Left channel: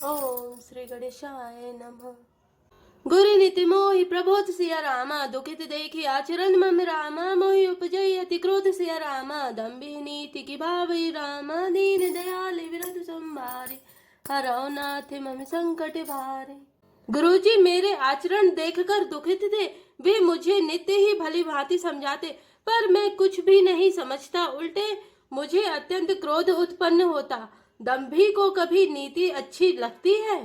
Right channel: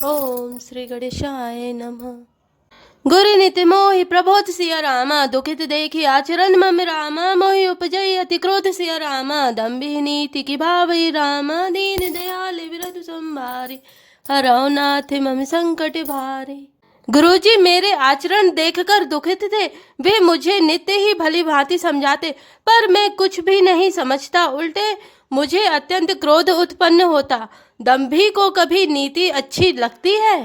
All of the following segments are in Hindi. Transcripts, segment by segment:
ओम श्री गणेशाय नमः। गुरु नित्य मोहि प्रबोध सिया रामा, दुखित देखी आचरण मम रामा, मोहि उपजई अति क्रोध सिया रामा, दम्भि नीति की भावई रामा, दीन दयाल विरधु संभारी, हरौ नाथ मम संकट भारे। गुरुजी मेरे आचरण देखकर दुखित थे। वे मुझे नित्य ही भली भांति समझाते, पर मैं कुछ भी नहीं समझता। उल्टे मुझे अत्यंत क्रोध उत्पन्न होता। दंभी को कभी नीति अच्छी लगती है?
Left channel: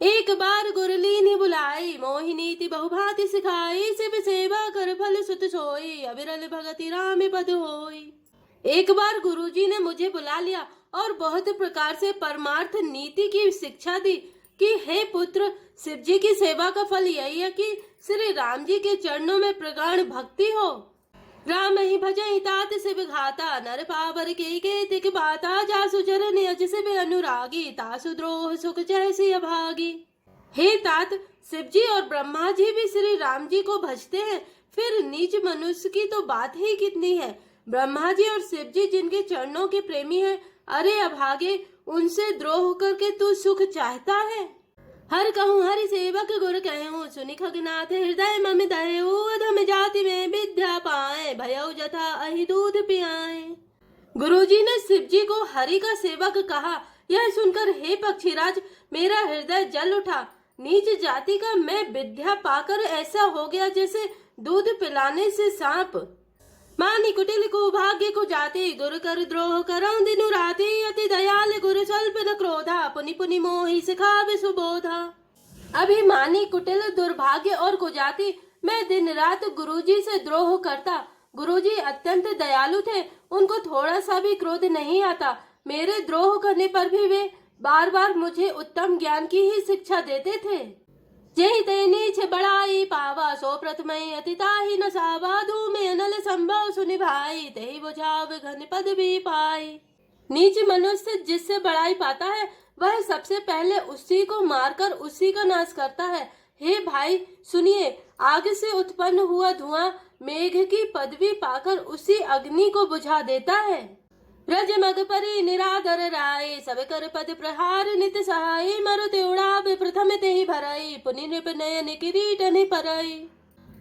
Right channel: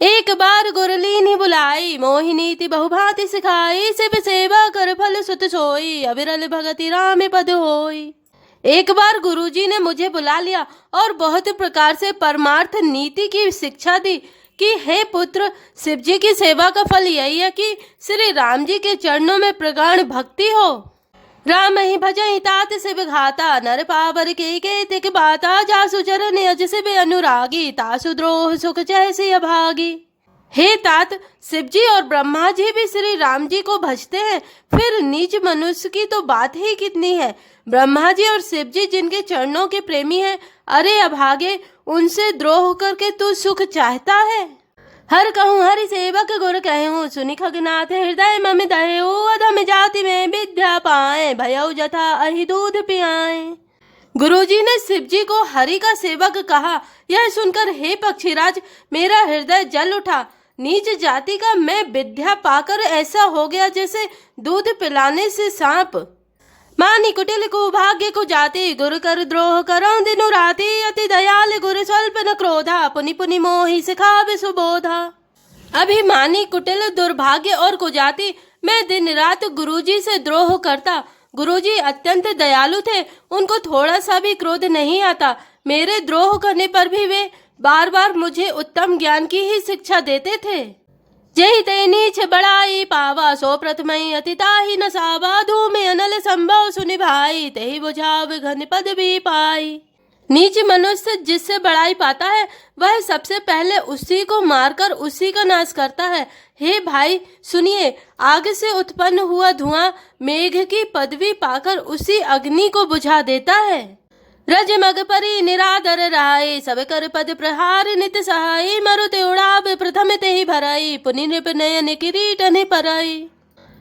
एक बार गुरलीनी बुलाई, मोहि नीति बहुभांति सिखाई, शिव सेवा कर फल सुत सोई, अविरल भगति राम पद होई। एक बार गुरुजी ने मुझे बुला लिया और बहुत प्रकार से परमार्थ नीति की शिक्षा दी कि हे पुत्र, शिव जी की सेवा का फल यही है कि श्री राम जी के चरणों में प्रगाढ़ भक्ति हो। राम ही भजहि तात शिव घाता, नर पावर के तिक बाता, जासु चरण अज शिव अनुरागी, तासु द्रोह सुख जैसी अभागी। हे तात, शिव जी और ब्रह्मा जी भी श्री राम जी को भजते हैं, फिर नीच मनुष्य की तो बात ही कितनी है। ब्रह्मा जी और शिव जी जिनके चरणों के प्रेमी हैं, अरे अभागे, उनसे द्रोह करके तू सुख चाहता है। हर कहूँ हरि सेवक गुर कहूँ, सुनि खगनाथ हृदय मम दयऊ, अधम जाति में विद्या पाए, भयऊ जथा अहि दूध पियाए। गुरुजी ने शिव जी को हरि का सेवक कहा। यह सुनकर हे पक्षीराज, मेरा हृदय जल उठा। नीच जाति का मैं विद्या पाकर ऐसा हो गया जैसे दूध पिलाने से सांप। मानी कुटिल को भाग्य को जाति, गुरु कर द्रोह करो दिनु राति, अति दयाल गुरु स्वल्प न क्रोधा, पुनि पुनि मोहि सिखावे सुबोधा। अभिमानी कुटिल दुर्भाग्य और कुजाति, मैं दिन रात गुरुजी से द्रोह करता। गुरुजी अत्यंत दयालु थे, उनको थोड़ा सा भी क्रोध नहीं आता। मेरे द्रोह करने पर भी वे बार बार मुझे उत्तम ज्ञान की ही शिक्षा देते थे। जहि ते नीच बड़ाई पावा, सो प्रथमई अति ताहि न सावा, धूमे अनल संभव सुनि भाई, तेहि बुझाव घन पद भी पाई। नीच मनुष्य जिससे बड़ाई पाता है, वह सबसे पहले उसी को मारकर उसी का नाश करता है। हे भाई सुनिए, आग से उत्पन्न हुआ धुआं मेघ की पदवी पाकर उसी अग्नि को बुझा देता है। रज मग परि निरादर राय, सब कर पद प्रहार नित सहाय, मरुति उड़ाव प्रथम ते ही भराई, पुनि नृप नयन किरीट नि पराई।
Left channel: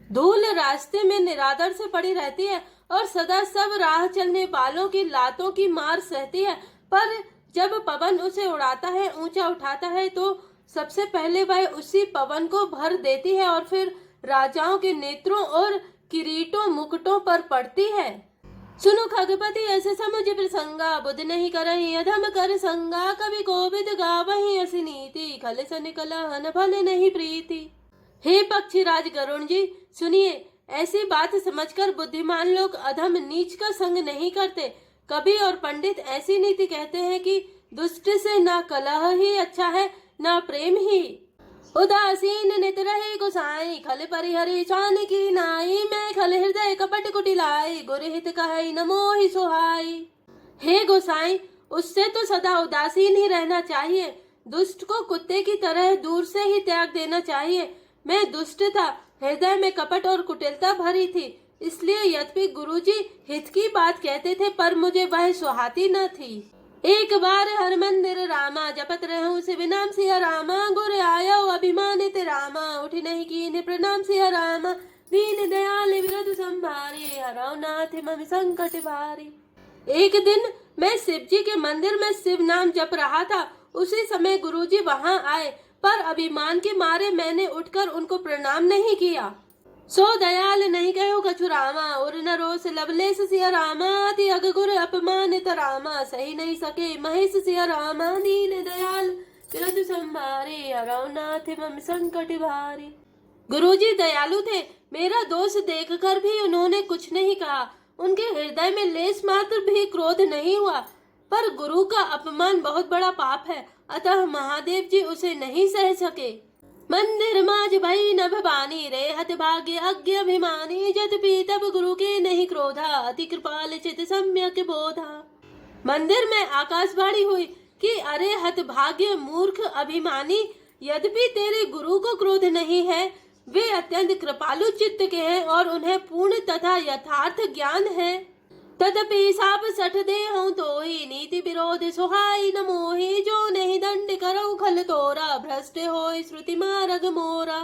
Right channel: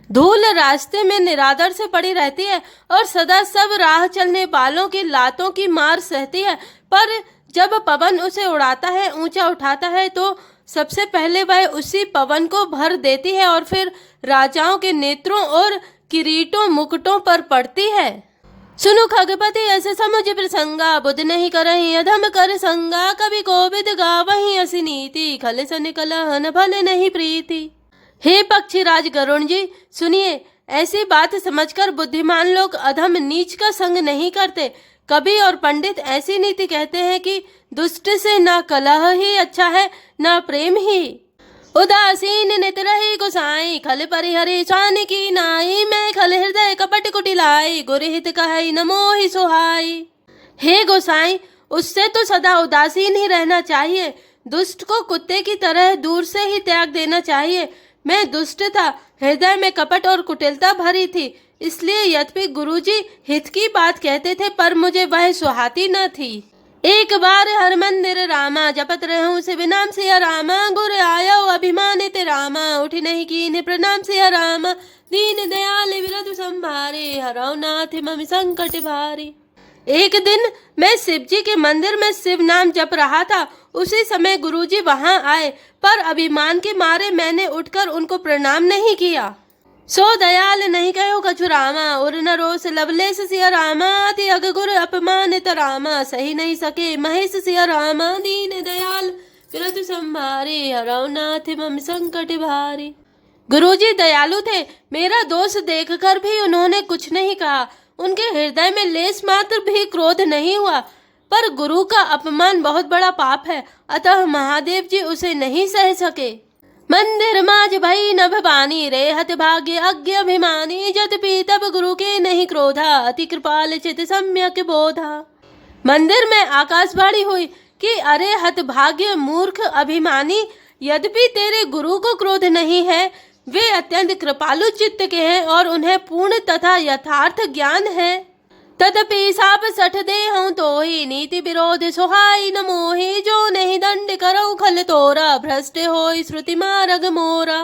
धूल रास्ते में निरादर से पड़ी रहती है और सदा सब राह चलने वालों की लातों की मार सहती है, पर जब पवन उसे उड़ाता है, ऊंचा उठाता है, तो सबसे पहले वह उसी पवन को भर देती है और फिर राजाओं के नेत्रों और किरीटों मुकुटों पर पड़ती है। सुनु खगपति ऐसे समुझ प्रसंगा, बुध नहीं करहि अधम कर संगा, कवि कोविद गावहि असि नीति, खल सन कलहन भल नहीं प्रीति। हे पक्षीराज गरुण जी सुनिए, ऐसी बात समझकर बुद्धिमान लोग अधम नीच का संग नहीं करते। कवि और पंडित ऐसी नीति कहते हैं कि दुष्ट से ना कलह ही अच्छा है, ना प्रेम ही। उदासीन नित रहे गोसाई, खल परिहरि स्वान की नाई, मैं खल हृदय कपट कुटिलाई, गुर हित कहै न मोहि सुहाई। हे गोसाई, उससे तो सदा उदासीन ही रहना चाहिए। दुष्ट को कुत्ते की तरह दूर से ही त्याग देना चाहिए। मैं दुष्ट था, हृदय में कपट और कुटिलता भरी थी, इसलिए यद्यपि गुरुजी हित की बात कहते थे, पर मुझे वह सुहाती न थी। एक बार हर मंदिर रामा, जपत रहूं शिव नाम सिया रामा, गुर आयो अभिमानित रामा, उठी नहीं कीन्ह प्रणाम सिया रामा, दीन दयाल विरधु संभारे, हरौ नाथ मम संकट भारे। एक दिन मैं शिव जी के मंदिर में शिव नाम जप रहा था। उसी समय गुरुजी वहां आए, पर अभिमान के मारे मैंने उठकर उनको प्रणाम नहीं किया। सो दयाल नहीं कहो कछु रामा, उर न रोस लवलेस सिया रामा, अति अग गुर अपमानित रामा, सही नहीं सके महेश सिया रामा, दीन दयाल विरधु संभारे, हरौ नाथ मम संकट भारे। गुरुजी दयालु थे, मेरा दोष देखकर भी उन्होंने कुछ नहीं कहा। उनके हृदय में लेस मात्र भी क्रोध नहीं हुआ। पर गुरु का अपमान बहुत बड़ा पाप है, अतः महादेव जी उसे नहीं सह सके। मंदिर माज भई नभ बानी, रेहत भाग्य अज्ञ अभिमानी, जतपि तब गुरु के नहीं क्रोधा, अति कृपाल चित सम्यक बोधा। मंदिर में आकाशवाणी हुई कि अरे हत भाग्य मूर्ख अभिमानी, यद्यपि तेरे गुरु को क्रोध नहीं है, वे अत्यंत कृपालु चित्त के हैं और उन्हें पूर्ण तथा यथार्थ ज्ञान है। तदपि साप सठ देहूं तो ही नीति विरोध सुहाई न मोहि। जो नहीं दंड करऊं खल तोरा भ्रष्ट होई श्रुति मार्ग मोरा।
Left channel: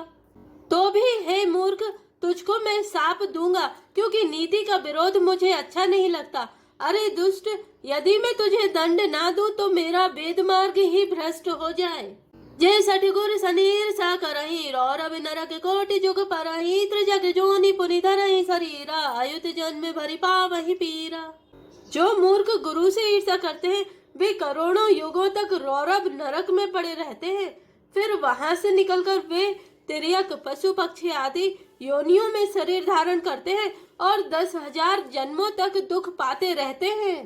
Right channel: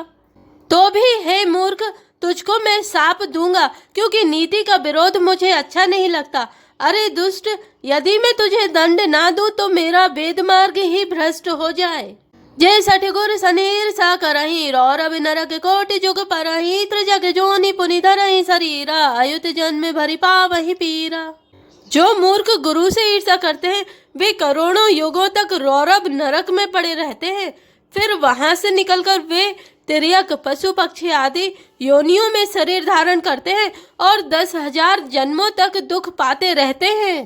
तो भी हे मूर्ख तुझको मैं साप दूंगा क्योंकि नीति का विरोध मुझे अच्छा नहीं लगता। अरे दुष्ट, यदि मैं तुझे दंड ना दूं तो मेरा वेद मार्ग ही भ्रष्ट हो जाए। जय सठगुर सनीर सा करही रौरव नरक कोटि जुग परही। त्रिजग जोनि पुनि धरहि शरीरा अयुत जन्म भरि पावहि पीरा। जो मूर्ख गुरु से ईर्षा करते हैं वे करोड़ों युगों तक रौरव नरक में पड़े रहते हैं। फिर वहां से निकलकर वे तिर्यक पशु पक्षी आदि योनियों में शरीर धारण करते हैं और 10,000 जन्मों तक दुख पाते रहते हैं।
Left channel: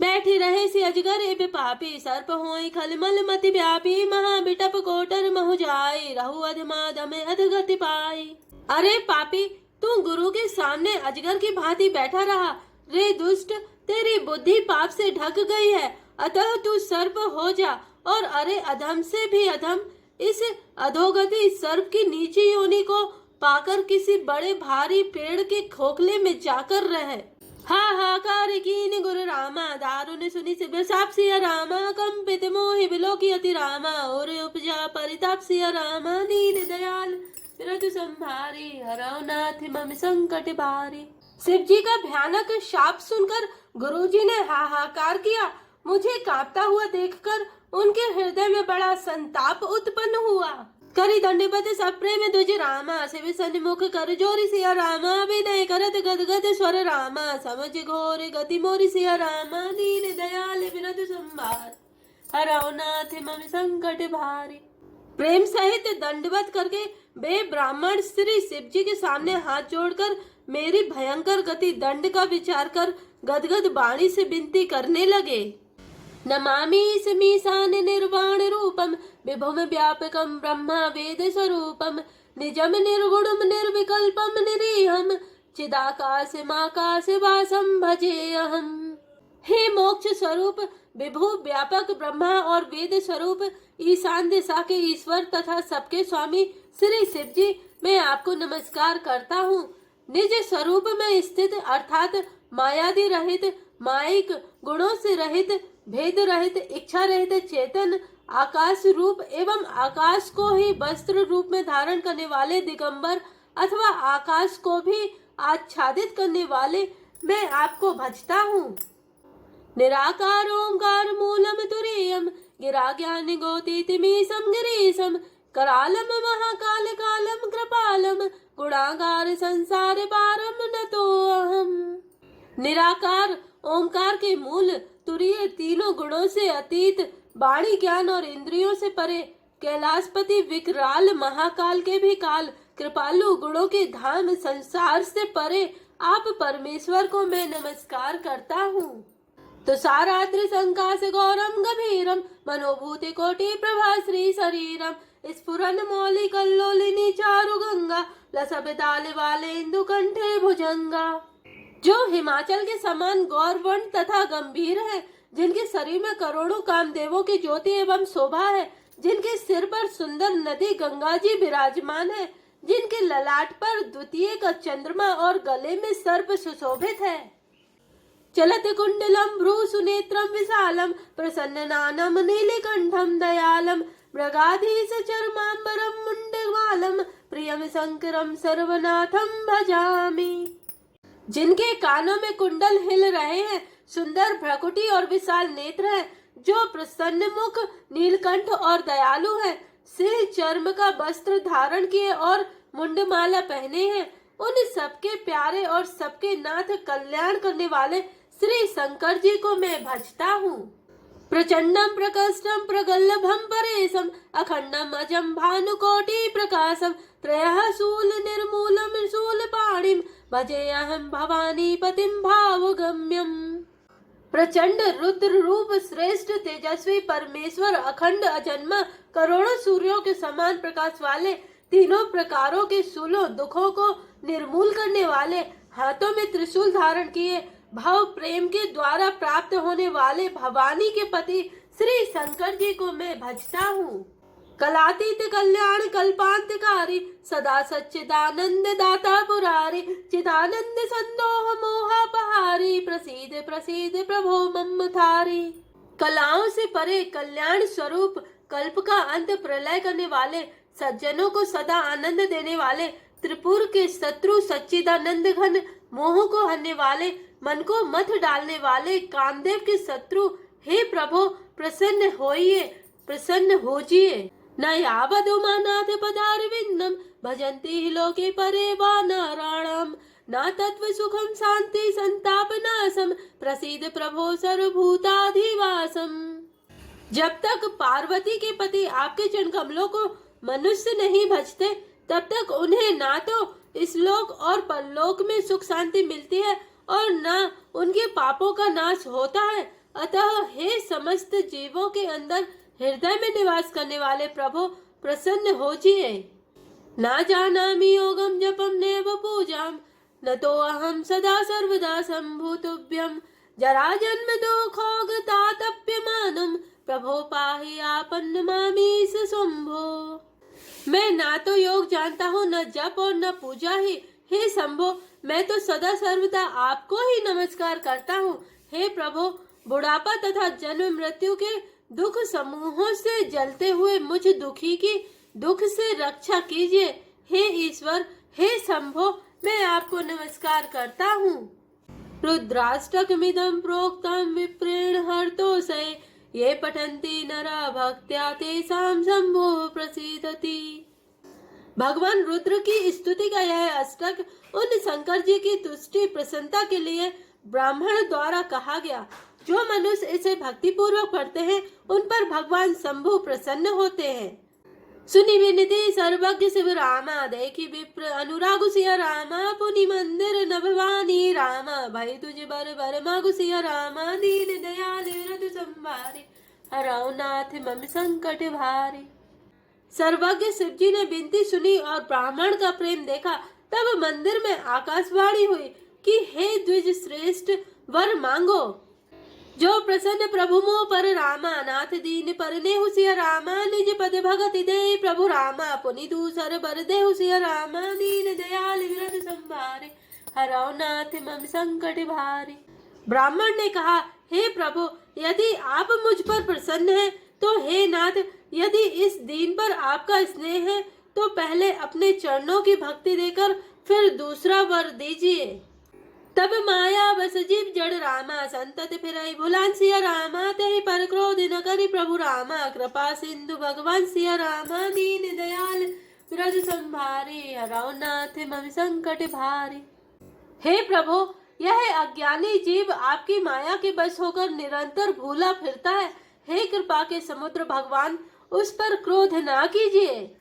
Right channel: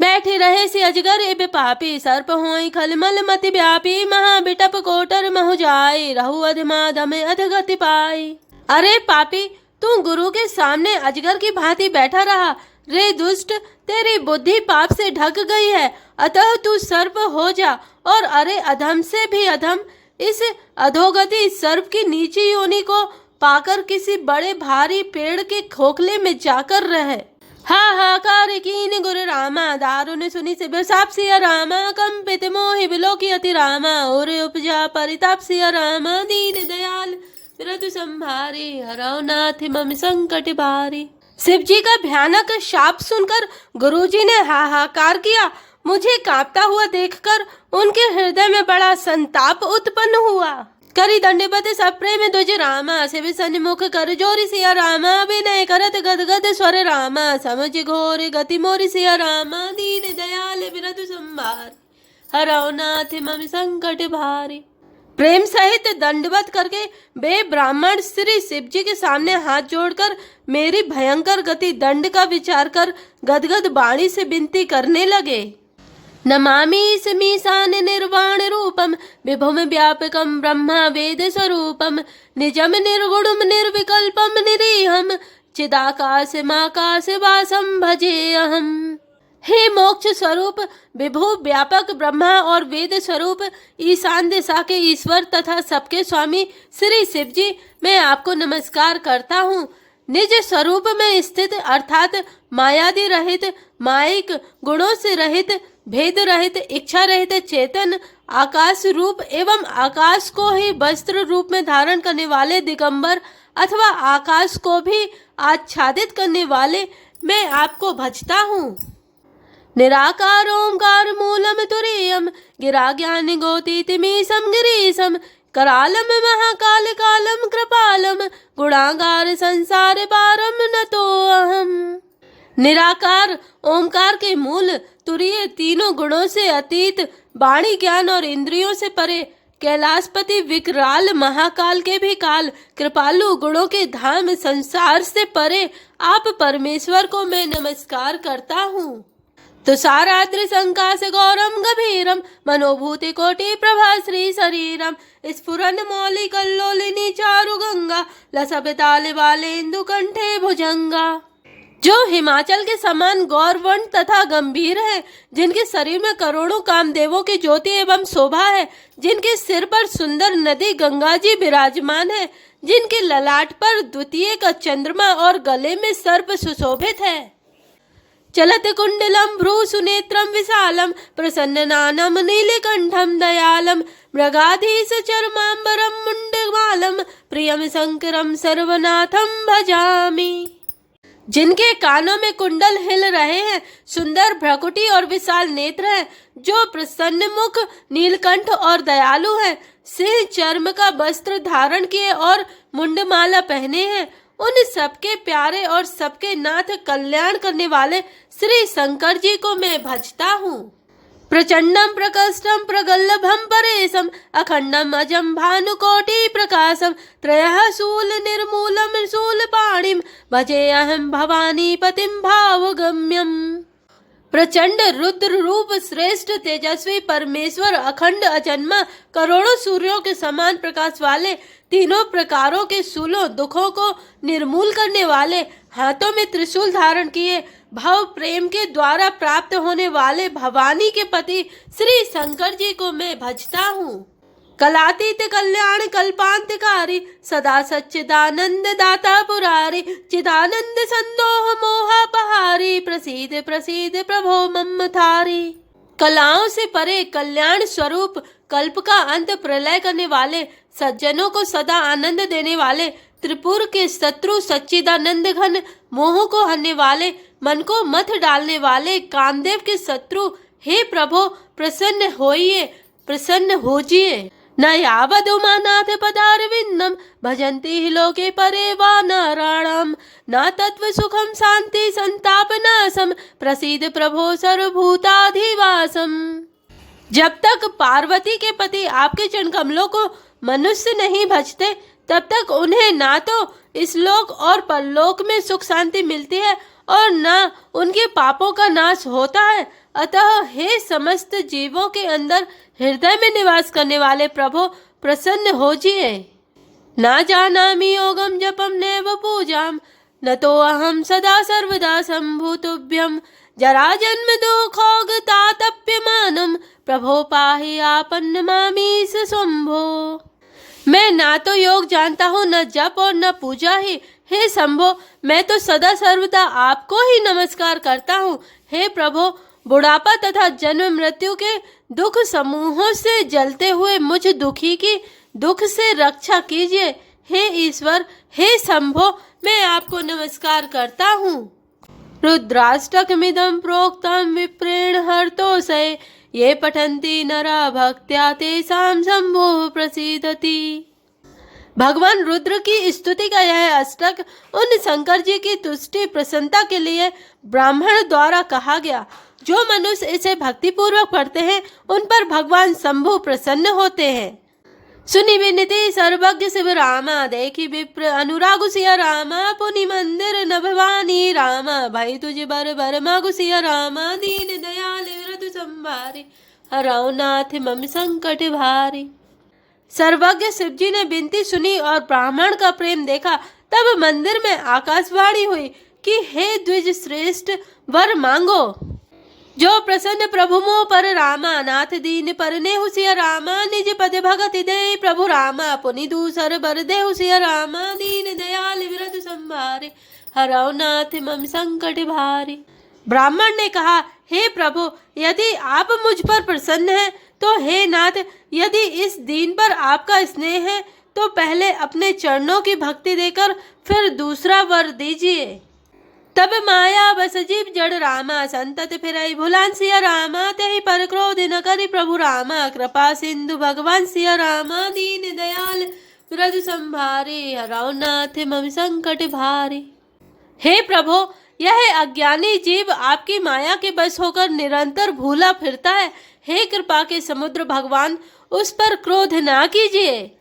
बैठे रहे से अजगर एवं पापी सर्प होई खलमल मति व्यापी। महाबिटप कोटर महु जाए रहु अधमाधम अधगति पाई। अरे पापी, तू गुरु के सामने अजगर की भांति बैठा रहा। रे दुष्ट, तेरी बुद्धि पाप से ढक गई है, अतः तू सर्प हो जा। और अरे अधम से भी अधम, इस अधोगति सर्प की नीची योनि को पाकर किसी बड़े भारी पेड़ के खोखले में जाकर रहे। हाहाकार कीन गुरु रामा दारुण सुनि सिर साप सिया रामा। कंपित मोहि बिलोकी अति रामा और उपजा परिताप सिया रामा। दीन दयाल बिरतु संभारे हराओ नाथ मम संकट बारे। शिव जी का भयानक शाप सुनकर गुरुजी ने हाहाकार किया। मुझे कांपता हुआ देखकर उनके हृदय में बड़ा संताप उत्पन्न हुआ। करी दंडपति सब प्रेम तुझ रामा। शिव सन्मुख कर जोरी सिया रामा। विनय करत गदगद स्वर रामा। समझ घोर गति मोरी सिया रामा। दीन दयाल बिरतु संभार हराओ नाथ मम संकट भारी। प्रेम सहित दंडवत करके वे ब्राह्मण श्री शिव जी के सामने हाथ जोड़कर मेरी भयंकर गति दंड का विचार कर गदगद वाणी से विनती करने लगे। नमामि ईशमीशान निर्वाण रूपम विभुम व्यापकम ब्रह्मा वेद स्वरूपम। निजम निर्गुणम निर्विकल्पम निरीहम चिदाकाशमाकाश वासम भजे अहम। हे मोक्ष स्वरूप विभु व्यापक ब्रह्मा और वेद स्वरूप ईशान दिशा के ईश्वर तथा सबके स्वामी श्री शिव जी, मैं आपको नमस्कार करता हूँ। निज स्वरूप में स्थित अर्थात मायादि रहित, माइक गुणों से रहित, भेद रहित, इच्छा रहित, चेतन, आकाश रूप एवं आकाश को ही वस्त्र रूप में धारण करने वाले दिगंबर अथवा आकाश को भी आच्छादित करने वाले मैं आपको भजता हूँ। निराकार ओंकार मूलम तुरीयम गिरा ज्ञान गोतीतिमीशम गिरीशम। करालम महाकाल कालम कृपालम गुणागार संसार पारम न तो अहम। निराकार ओंकार के मूल, तुरीय, तीनों गुणों से अतीत, वाणी ज्ञान और इंद्रियों से परे, कैलाशपति विकराल महाकाल के भी काल, कृपालु, गुणों के धाम, संसार से परे आप परमेश्वर को मैं नमस्कार करता हूँ। तुषाराद्रि संकाश गौरम गभीरम मनोभूति कोटि प्रभा श्री शरीरम। स्फुरन मौलि कल्लोलिनी चारु गंगा लसब ताल वाले इंदु कंठे भुजंगा। जो हिमाचल के समान गौरवर्ण तथा गंभीर है, जिनके शरीर में करोड़ों कामदेवों की ज्योति एवं शोभा है, जिनके सिर पर सुंदर नदी गंगा जी विराजमान है, जिनके ललाट पर द्वितीय का चंद्रमा और गले में सर्प सुशोभित है। चलत कुंडलम भ्रू सुनेत्रम विशालम प्रसन्ननानम नीलकंठम दयालम मृगाधीश चर्मांबरम मुंडमालम प्रियम शंकरम सर्वनाथम भजामि। जिनके कानों में कुंडल हिल रहे हैं, सुंदर भ्रकुटी और विशाल नेत्र हैं, जो प्रसन्न मुख, नीलकंठ और दयालु हैं, सिंह चर्म का वस्त्र धारण किए और मुंडमाला पहने हैं, उन सबके प्यारे और सबके नाथ कल्याण करने वाले श्री शंकर जी को मैं भजता हूँ। प्रचंडम प्रकष्टम प्रगल्भम परेशम अखंडम अजम भानुकोटि प्रकाशम त्रयः शूल निर्मूलम शूल पाणिम भजे अहम भवानी पतिम भावगम्यम। प्रचंड रुद्र रूप श्रेष्ठ तेजस्वी परमेश्वर, अखंड अजन्मा, करोड़ों सूर्यों के समान प्रकाश वाले, तीनों प्रकारों के शूलों दुखों को निर्मूल करने वाले, हाथों में त्रिशूल धारण किए, भाव प्रेम के द्वारा प्राप्त होने वाले भवानी के पति श्री शंकर जी को मैं भजता हूँ। कलातीत कल्याण कल्पांतकारी, सदा सच्चिदानंद दाता पुरारी, चिदानंद संदोह मोहापहारी, प्रसीद प्रसीद प्रभो मम थारी। कलाओं से परे कल्याण स्वरूप, कल्प का अंत प्रलय करने वाले, सज्जनों को सदा आनंद देने वाले, त्रिपुर के शत्रु सच्चिदानंद घन, मोह को हरने वाले, मन को मत डालने वाले, कामदेव के शत्रु, हे प्रभु प्रसन्न होइए, प्रसन्न होजिए। न यावदुमानाथ पदारविंदम, भजन्ति हि लोके परे वा नारायणम, न तत्व सुखम शांति संताप नाशम, प्रसीद प्रभो सर्वभूताधिवासम। जब तक पार्वती के पति आपके चरण कमलों को मनुष्य नहीं भजते, तब तक उन्हें ना तो इस लोक और परलोक में सुख शांति मिलती है और न उनके पापों का नाश होता है। अतः हे समस्त जीवों के अंदर हृदय में निवास करने वाले प्रभु प्रसन्न होजिए। ना जानामि योगम जपम नैव पूजाम, न तो अहम सदा सर्वदा संभूतुभ्यम, जरा जन्म दुखोग तातप्यमानम, प्रभो पाहि आपन्न मामीश शंभो। मैं ना तो योग जानता हूँ, न जप और न पूजा ही। हे शंभो, मैं तो सदा सर्वदा आपको ही नमस्कार करता हूँ। हे प्रभु, बुढ़ापा तथा जन्म मृत्यु के दुख समूहों से जलते हुए मुझ दुखी की दुख से रक्षा कीजिए। हे ईश्वर, हे शंभो, मैं आपको नमस्कार करता हूँ। रुद्राष्टकमिदं प्रोक्तं विप्रेण हर्तोषये, ये पठन्ति नरा भक्त्या तेषां शंभुः प्रसीदति। भगवान रुद्र की स्तुति का यह अष्टक उन शंकर जी की तुष्टि प्रसन्नता के लिए ब्राह्मण द्वारा कहा गया। जो मनुष्य इसे भक्ति पूर्वक पढ़ते हैं, उन पर भगवान शंभु प्रसन्न होते हैं। सुनि विनती सर्वज्ञ शिव रामा, देखी विप्र अनुराग सिया रामा, पुनि मंदिर न भवानी रामा, भाई तुझ बर बर मागु सिया रामा, दीन दयाल व्रत संभारी, हराओ नाथ मम संकट भारी। सर्वज्ञ शिव जी ने विनती सुनी और ब्राह्मण का प्रेम देखा। तब मंदिर में आकाशवाणी हुई कि हे द्विज श्रेष्ठ, वर मांगो। जो प्रसन्न प्रभु मोह पर रामा, नाथ दीन पर नेहु सिया रामा, निज पद भगति दे प्रभु रामा, पुनि दूसर बर देहु सिया रामा, दीन दयाल विरत संभारे, हराओ नाथ मम संकट भारी। ब्राह्मण ने कहा, हे प्रभु, यदि आप मुझ पर प्रसन्न हैं, तो हे नाथ, यदि इस दीन पर आपका स्नेह है, तो पहले अपने चरणों की भक्ति देकर फिर दूसरा वर दीजिए। तब माया बस जीव जड़ रामा, संतत फिरई भुलान सिया रामा, तेहि पर क्रोध न करि प्रभु रामा, कृपा सिंधु भगवान सिया रामा, दीन दयाल व्रत संभारे, हराओ नाथ मम संकट भारी। हे प्रभु, यह अज्ञानी जीव आपकी माया के बस होकर निरंतर भूला फिरता है। हे कृपा के समुद्र भगवान, उस पर क्रोध ना कीजिए।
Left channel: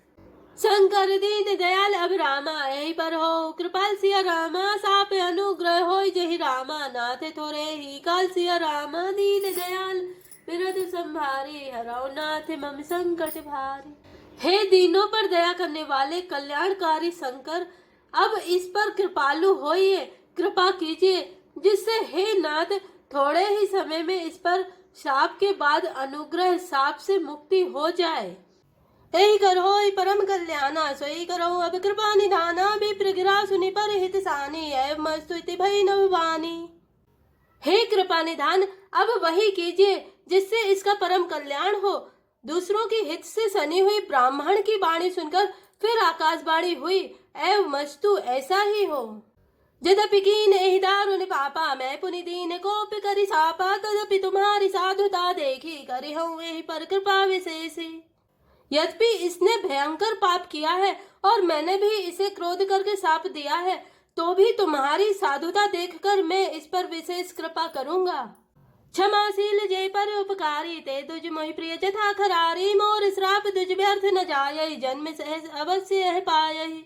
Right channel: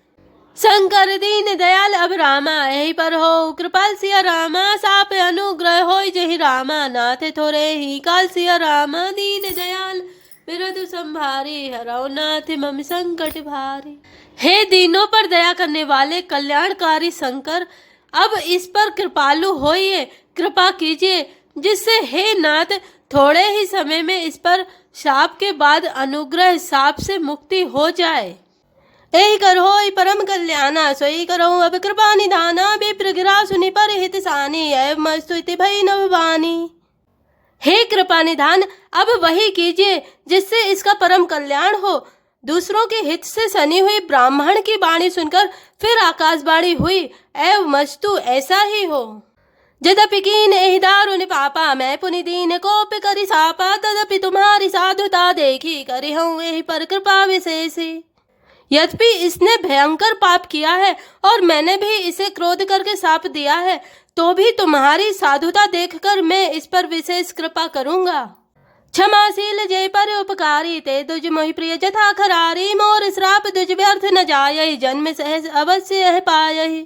शंकर दीन दयाल अब रामा, यही पर हो कृपाल सिया रामा, साप अनुग्रह होय जहि रामा, नाथ थोरे ही काल सिया रामा, दीन दयाल विरद संभारी, हराओ नाथ मम संकट भारी। हे दीनों पर दया करने वाले कल्याणकारी शंकर, अब इस पर कृपालु होइए, कृपा कीजिए, जिससे हे नाथ थोड़े ही समय में इस पर शाप के बाद अनुग्रह शाप से मुक्ति हो जाए। यही करो परम कल्याणा, सोई करो अब कृपा निधाना, विप्र गिरा सुनि पर हित सानी, एवं स्तुति भई नव वाणी। हे कृपा निधान, अब वही कीजिए जिससे इसका परम कल्याण हो। दूसरों के हित से सनी हुई ब्राह्मण की वाणी सुनकर फिर आकाशवाणी हुई, एवं मस्तु ऐसा ही हो। यद्यपि कीन एहि दारुण पापा, मैं पुनि दीन कोप करि सापा, तदपि तुम्हारी साधुता देखी, करि हूँ एहि पर कृपा विशेषी। यद्यपि इसने भयंकर पाप किया है और मैंने भी इसे क्रोध करके शाप दिया है, तो भी तुम्हारी साधुता देखकर मैं इस पर विशेष कृपा करूंगा। क्षमाशील जय पर उपकारी, ते तुझ मोहि प्रिय जथा खरारी, मोर श्राप तुझ व्यर्थ न जाय, जन्म सहज अवश्य यह पायहि।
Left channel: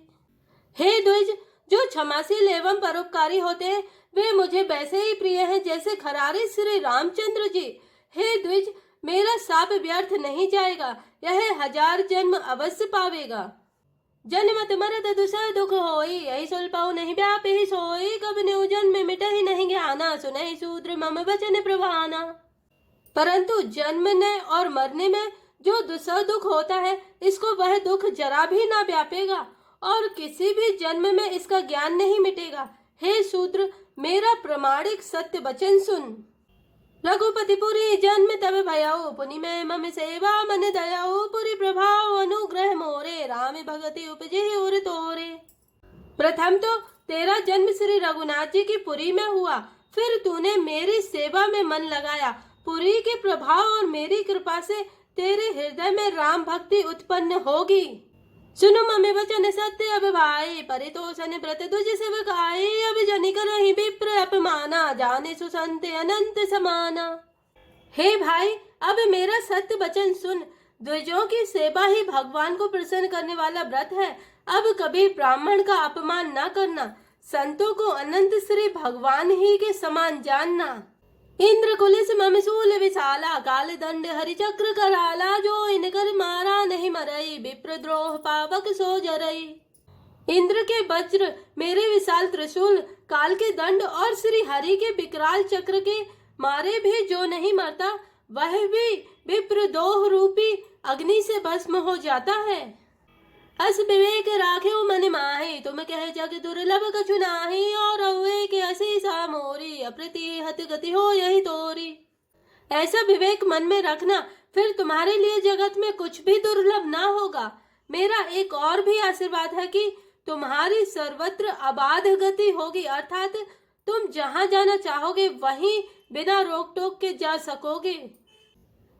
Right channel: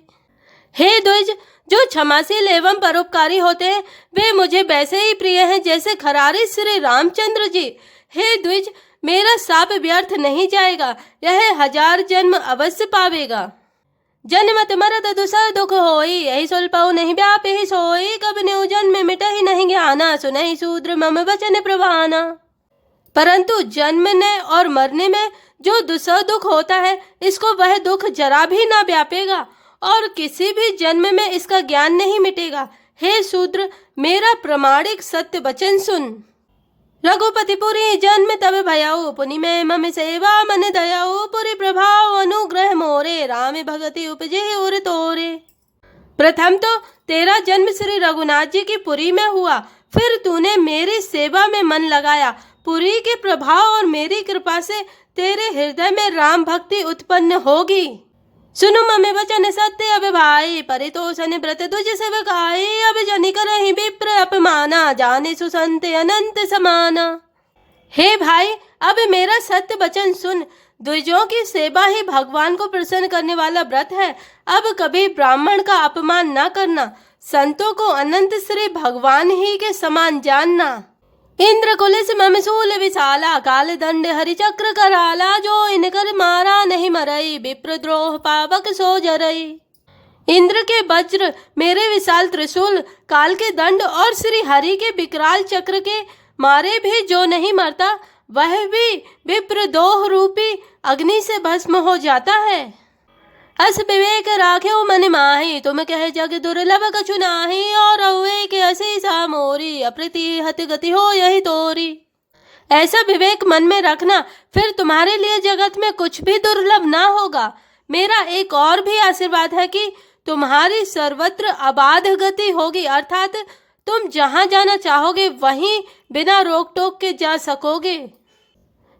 हे द्विज, जो क्षमाशील एवं परोपकारी होते हैं, वे मुझे वैसे ही प्रिय हैं जैसे खरारी श्री रामचंद्र जी। हे द्विज, मेरा शाप व्यर्थ नहीं जाएगा, यह 1000 जन्म अवश्य पावेगा। जन्मत मरत दुसह दुख होई, यही सुलपऊ नहीं व्यापी सोई, कब न्यू जन्म मिटहि नहीं ज्ञाना, सुनहि शूद्र मम वचन प्रवाना। परंतु जन्मने और मरने में जो दुसह दुख होता है, इसको वह दुख जरा भी ना व्यापेगा और किसी भी जन्म में इसका ज्ञान नहीं मिटेगा। हे शूद्र, मेरा प्रमाणिक सत्य वचन सुन। रघुपति पुरी जन्म तब भयऊ, पुनि में मम सेवा मन दयाऊ, पुरी प्रभाव अनुग्रह मोरे, राम भगति उपजे उर तोरे। प्रथम तो तेरा जन्म श्री रघुनाथ जी की पुरी में हुआ, फिर तूने मेरी सेवा में मन लगाया। पुरी के प्रभाव और मेरी कृपा से तेरे हृदय में राम भक्ति उत्पन्न होगी। सुनु ममे वचन सत्य अब भाई, परितोषण व्रत तुझ सेवकाई, अब जनि करहि विप्र अपमाना, जाने सुसंत अनंत समाना। हे भाई, अब मेरा सत्य वचन सुन। द्विजों की सेवा ही भगवान को प्रसन्न करने वाला व्रत है। अब कभी ब्राह्मण का अपमान न करना, संतों को अनंत श्री भगवान ही के समान जानना। इंद्र कुलिस मम शूल विशाला, काल दंड हरि चक्र कराला, जो इनकर मारा नहीं मरई, विप्र द्रोह पावक सो जरई। इंद्र के वज्र, मेरे विशाल त्रिशूल, काल के दंड और श्री हरि के विकराल चक्र के मारे भी जो नहीं मरता, वह भी विप्र दोह रूपी अग्नि से भस्म हो जाता है। अस विवेक राख्यो मन माही, तुम कह जग दुर्लभ कछु नाही, और हुए के असी सा मोरी, अप्रतिहत गति हो यही तोरी। ऐसा विवेक मन में रखना, फिर तुम्हारे लिए जगत में कुछ भी दुर्लभ ना होगा। मेरा एक और भी आशीर्वाद है कि तुम्हारी सर्वत्र अबाध गति होगी, अर्थात तुम जहाँ जाना चाहोगे वहीं बिना रोक टोक के जा सकोगे।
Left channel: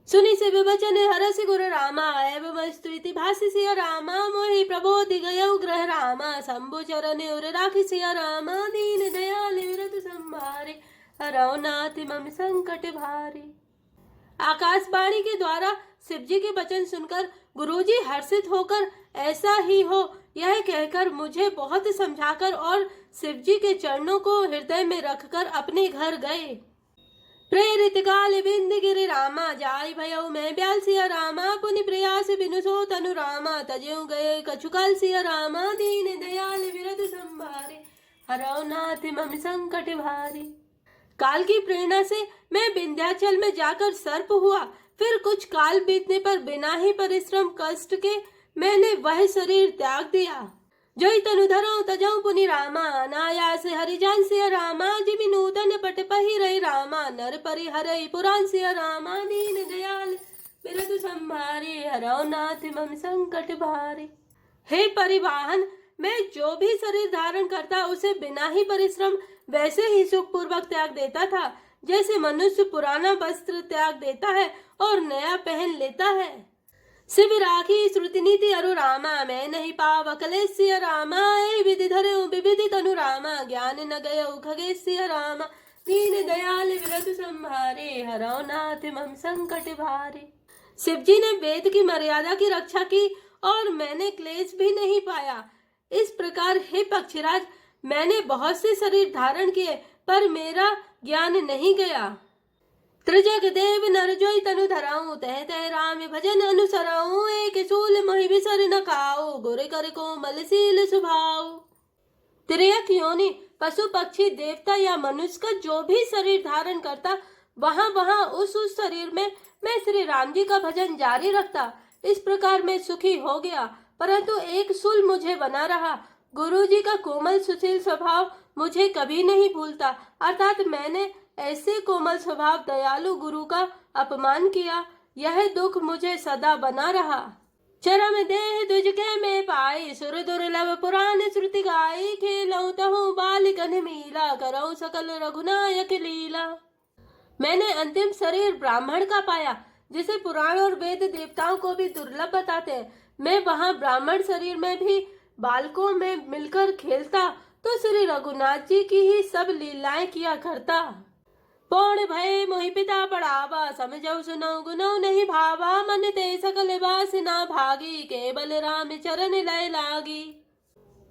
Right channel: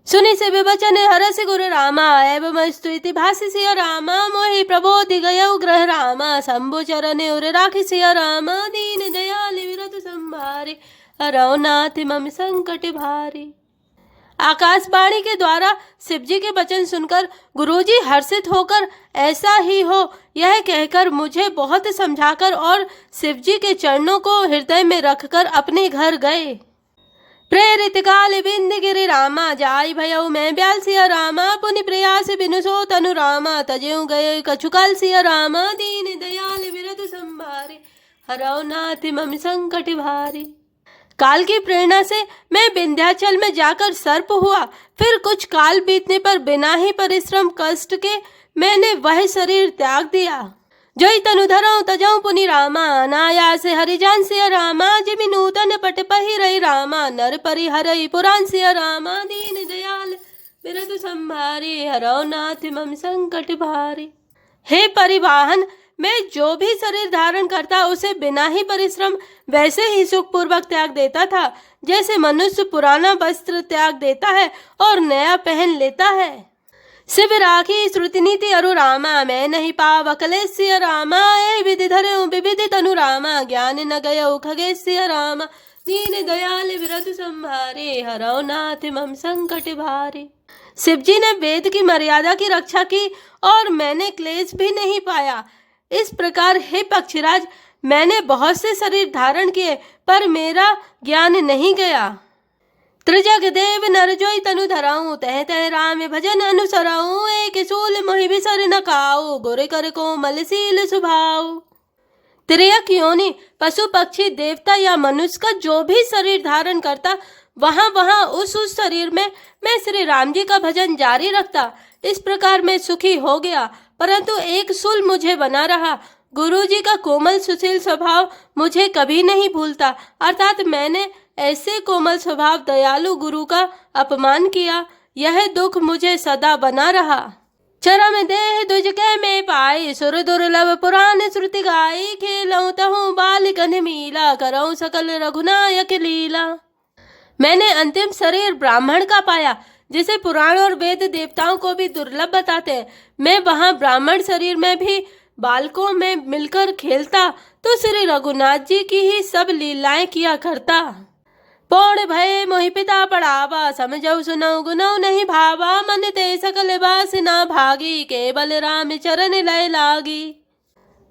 सुनि से विवचन हरस गुरु रामा, एवं स्तुति भाषि सिया रामा, मोहि प्रबोधि गयौ ग्रह रामा, शंभु चरण उर राखि सिया रामा, दीन दयाल विरत संभारे, हरौ नाथ मम संकट भारी। आकाशवाणी के द्वारा शिव जी के वचन सुनकर गुरुजी हर्षित होकर ऐसा ही हो यह कहकर मुझे बहुत समझाकर और शिव जी के चरणों को हृदय में रखकर अपने घर गए। प्रेरित काल बिंद गिरि रामा, जाय भयऊ मैं ब्याल सिया रामा, पुनि प्रयास बिनु सो तनु रामा, तजेऊ गए कछु काल सिया रामा, दीन दयाल विरत संभारे, हरौ नाथ मम संकट भारी। काल की प्रेरणा से मैं विंध्याचल में जाकर सर्प हुआ, फिर कुछ काल बीतने पर बिना ही परिश्रम कष्ट के मैंने वह शरीर त्याग दिया। जोई तनु धरऊ तजऊ पुनि रामा, अनायास हरिजान सिया रामा, जिमि नूतन पट पहिरई रामा, नर परिहरई पुराण सिया रामा, दीन दयाल विरत संभारे, हरौ नाथ मम संकट भारे। हे परिवाहन, मैं जो भी शरीर धारण करता उसे बिना ही परिश्रम वैसे ही सुखपूर्वक त्याग देता था, जैसे मनुष्य पुराना वस्त्र त्याग देता है और नया पहन लेता है। शिव राखी श्रुति नीति अरु रामा, मैं नहीं पाव कलेस्य रामा, ए विधि धरऊ विविधि तनु रामा, ज्ञान न गयऊ खगेस्य रामा, दीन दयाल विरत संभारे, हरौ नाथ मम संकट भारे। शिव जी ने वेद की मर्यादा की रक्षा की और मैंने क्लेश भी नहीं पाया। इस प्रकार हे पक्षीराज, मैंने बहुत से शरीर धारण किए पर मेरा ज्ञान नहीं गया। त्रिजग देव नर जोई तनु धराऊं, तह तह राम भजन अनुसराऊं, एक सूल मोहि बिसर न काऊ, गोरे कर कोमल सील सुभाऊ। त्रियक योनि पशु पक्षी देवता या मनुष्य का जो भी शरीर धारण करता, वहां वहां उस शरीर में मैं श्री राम जी का भजन जारी रखता। इस प्रकार मैं सुखी हो गया, परंतु एक सूल मुझे बना रहा। गुरु जी का कोमल सुशील स्वभाव मुझे कभी नहीं भूलता, अर्थात मैंने ऐसे कोमल स्वभाव दयालु गुरु का अपमान किया, यह दुख मुझे सदा बना रहा। चरम देह दुज के में पाई, सुर दुर्लभ पुराण श्रुति गाई, खेलऊं तहु बालिकन मीला, करऊं सकल रघुनायक लीला। मैंने अंतिम शरीर ब्राह्मण का पाया, जिसे पुराण और वेद देवताओं को भी दुर्लभ बताते हैं। मैं वहां ब्राह्मण शरीर में भी बालकों में मिलकर खेलता तो श्री रघुनाथ जी की ही सब लीलाएं किया करता। पौण भय मोहि पिता पढ़ावा, समझऊ सुनऊ गुनऊ नहीं भावा, मन ते सकल बास ना भागी, केवल राम चरण लय लागी।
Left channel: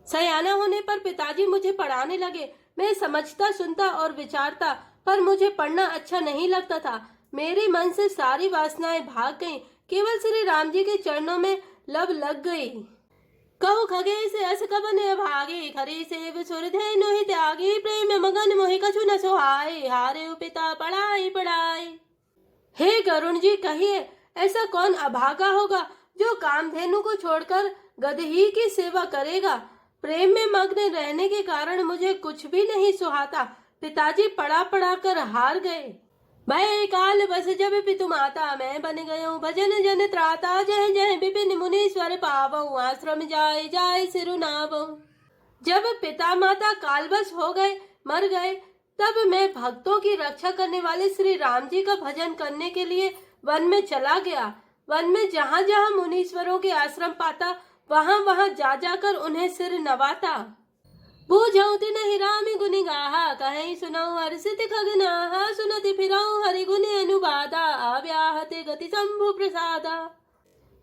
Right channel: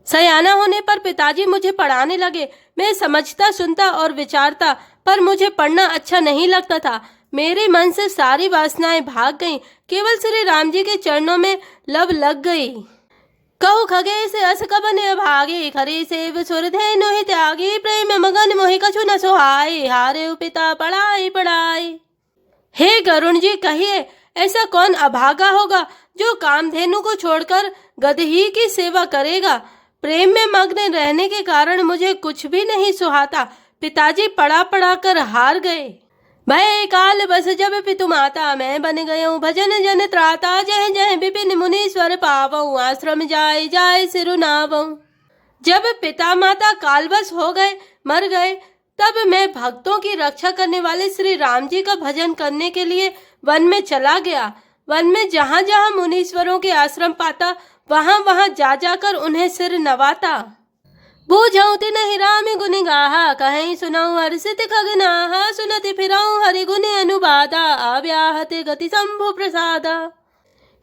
सयाना होने पर पिताजी मुझे पढ़ाने लगे। मैं समझता सुनता और विचारता, पर मुझे पढ़ना अच्छा नहीं लगता था। मेरे मन से सारी वासनाएं भाग गईं, केवल श्री राम जी के चरणों में लब लग गई। कहु खगे से अस कबन भागे, खरे सेव सुर धेनु ही त्यागी, प्रेम मगन मोहि कछु न सुहाए, हारे पिता पढ़ाई पढ़ाई। हे गरुण जी, कहिए ऐसा कौन अभागा होगा जो कामधेनु को छोड़कर गदही की सेवा करेगा। प्रेम में मग्न रहने के कारण मुझे कुछ भी नहीं सुहाता। पिताजी पढ़ा पढ़ा कर हार गए। भय काल बस जब पितु माता, मैं बन गयऊँ भजन जन त्राता। जय जय विपिन मुनीश्वर पावऊँ, आश्रम जाय जाय सिरु नावऊँ। जब पिता माता कालवश हो गए, मर गए, तब मैं भक्तों की रक्षा करने वाले श्री राम जी का भजन करने के लिए वन में चला गया। वन में जहाँ जहाँ मुनीश्वरों के आश्रम पाता, वहाँ वहाँ जा जाकर उन्हें सिर नवाता। बूझऊ तिन्हि राम गुनि गाहा, कहीं सुनाऊं हर्षित खगनाहा। सुनति फिराऊं हरि गुनि अनुबादा, आव्याहते गति शंभु प्रसादा।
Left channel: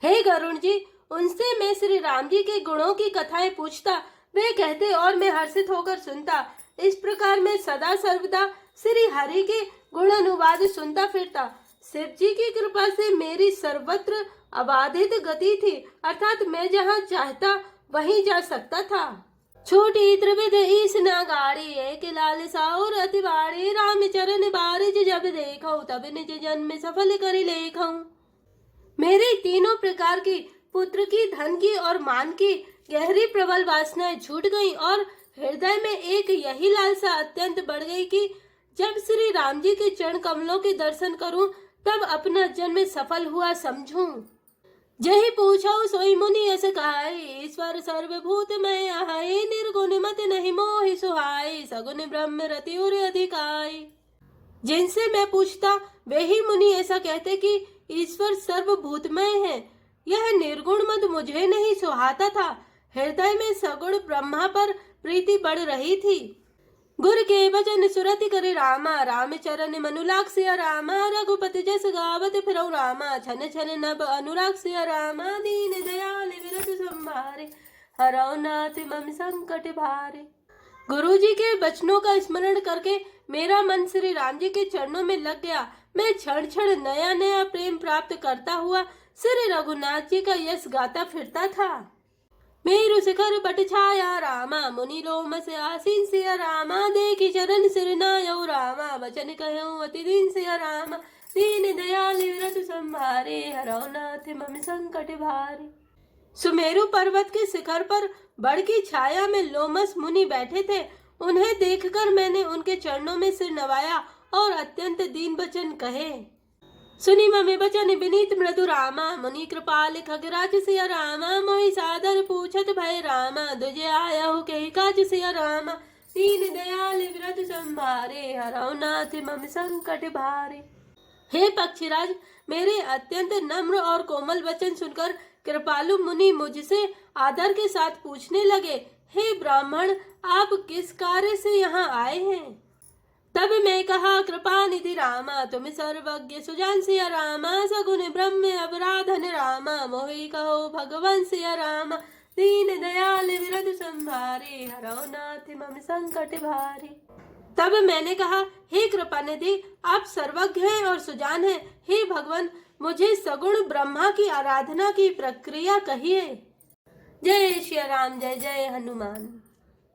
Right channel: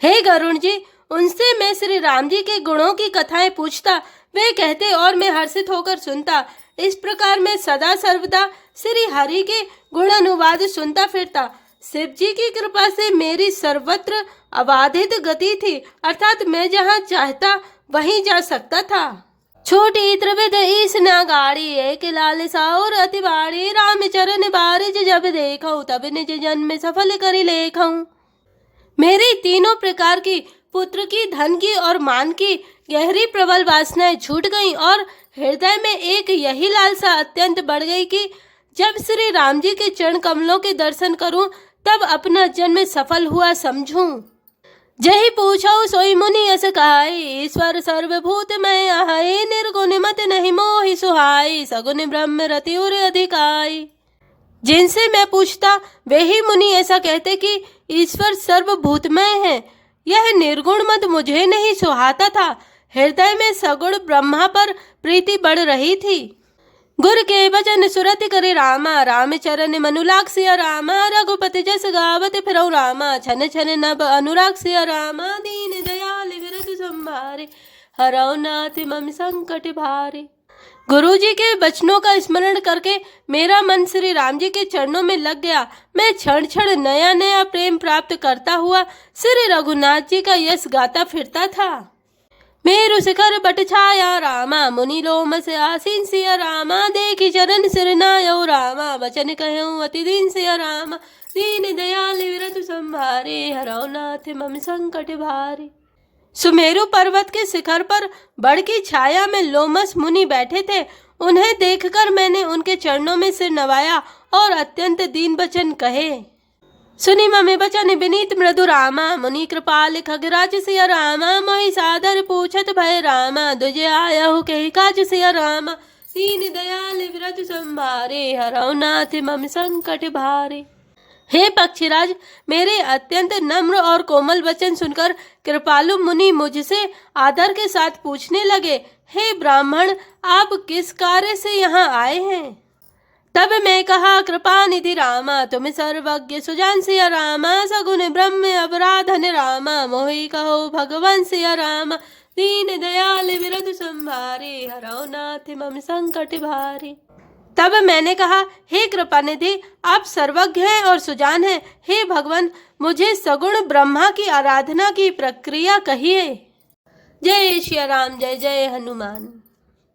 हे गरुण जी, उनसे मैं श्री राम जी के गुणों की कथाएं पूछता, वे कहते और मैं हर्षित होकर सुनता। इस प्रकार मैं सदा सर्वदा श्री हरि के गुण अनुवाद सुनता फिरता। शिव जी की कृपा से मेरी सर्वत्र अबाधित गति थी, अर्थात मैं जहाँ चाहता वहीं जा सकता था। छोटी त्रिविध ईस न गाड़ी, एक लाल साउर अति बाड़ी। राम चरण बारिज जब देखऊं, तब निज जन्म सफल करी लेखऊं। मेरी तीनों प्रकार की, पुत्र की, धन की और मान की गहरी प्रबल वासनाएं छूट गईं और हृदय में एक यही लालसा अत्यंत बढ़ गई कि जब श्री राम जी के चरण कमलों के दर्शन करूं, तब अपना जन्म सफल हुआ समझूं। जही पूछो सोई मुनि अस कहाई, ईश्वर सर्वभूतमय आहै। निर्गुण मत नहीं मोहि सुहाई, सगुन ब्रह्म रति उर अधिकाई। जिनसे मैं पूछता वे ही मुनि ऐसा कहते कि ईश्वर सर्वभूतमय है। यह निर्गुण मत मुझे नहीं सुहाता था। हृदय में सगुण ब्रह्मा पर प्रीति बढ़ रही थी। गुर के वचन सुरति करे रामा, राम चरण मनुलाग सिया रामा। रघुपति जस गावत फिरऊ रामा, छन छन नभ अनुराग सिया रामा। दीन दयाल विरत संभारे, हरऊ नाथ मम संकट भारे। गुरु जी के वचनों का स्मरण करके मेरा मन श्री राम जी के चरणों में लग गया। मैं क्षण क्षण नया नया प्रेम प्राप्त करता हुआ श्री रघुनाथ जी का यश गाता फिरता था। मेरु शिखर बट छाया रामा, मुनि लोम से आसीन सिया रामा। देखी चरण सिर नायऊ रामा, वचन कहऊँ अति दीन सिया रामा। दीन दयाल विरत संभारे, हरऊ नाथ मम संकट भारे। सुमेरु पर्वत के शिखर पर बड़ की छाया में लोमस मुनि बैठे थे। उन्हें देखकर मैंने उनके चरणों में सिर नवाया और अत्यंत दीन वचन कहे। सुनी ममे बचन विनीत मृदु रामा, मुनि कृपाल खगराज सिया रामा। मोहि सादर पूछत भय रामा, दुजे आयहु कहि काज सिया रामा। दीन दयाल विरत संभारे, हरऊ नाथ मम संकट भारे। हे पक्षीराज, मेरे अत्यंत नम्र और कोमल वचन सुनकर कृपालु मुनि मुझसे आदर के साथ पूछने लगे, हे ब्राह्मण, आप किस कार्य से यहाँ आए हैं? तब मैं कहा, कृपा निधि रामा, तुम सर्वज्ञ सुजान सिया रामा। सगुन ब्रह्म अपराधन रामा, मोहि कहो भगवान सिया रामा। दीन दयाल विरत संभारे, हरऊ नाथ मम संकट भारे। तब मैंने कहा, हे कृपानिधि, आप सर्वज्ञ हैं और सुजान हैं। हे भगवान, मुझे सगुण ब्रह्मा की आराधना की प्रक्रिया कहिए। जय श्री राम, जय जय हनुमान।